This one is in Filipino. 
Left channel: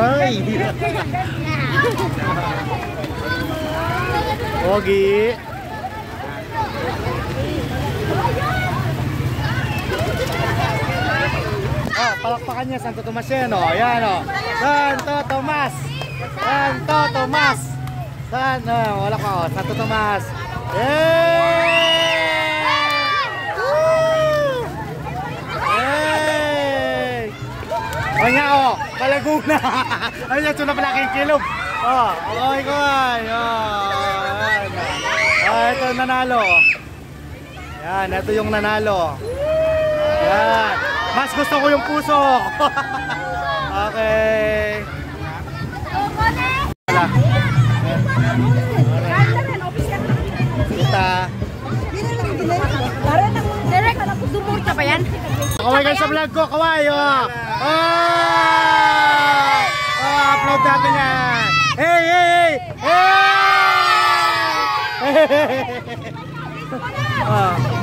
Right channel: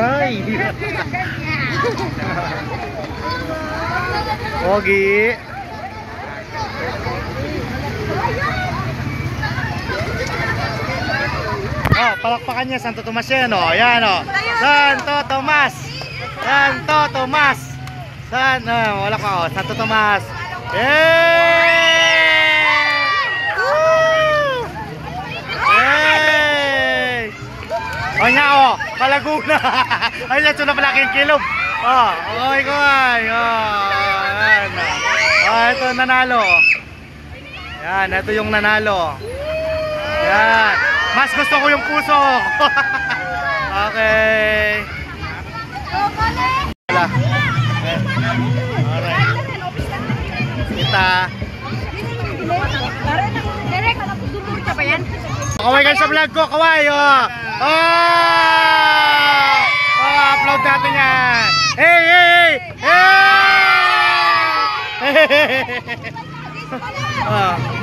Aray! Pogi! Oh, palakpakan niya, Santo Tomas yan, oh. Ayan, oh. Santo Tomas! Santo Tomas! Wala ka, oh. Santo Tomas! Yay! Woo! Yay! O nga, oh. Palaguna! Ayan, ito na pala aking kilog. Oh, okay ko ay. Oh, ayan. Oh, ito nanalo. Yan, ito yung nanalo. Yan. Mas gusto ko yung puso. Okay. Wala. Alright. Kita. Kaway kayo sa vlog ko, kaway. Oh. Upload natin yan. Hey, hey, hey. Hey.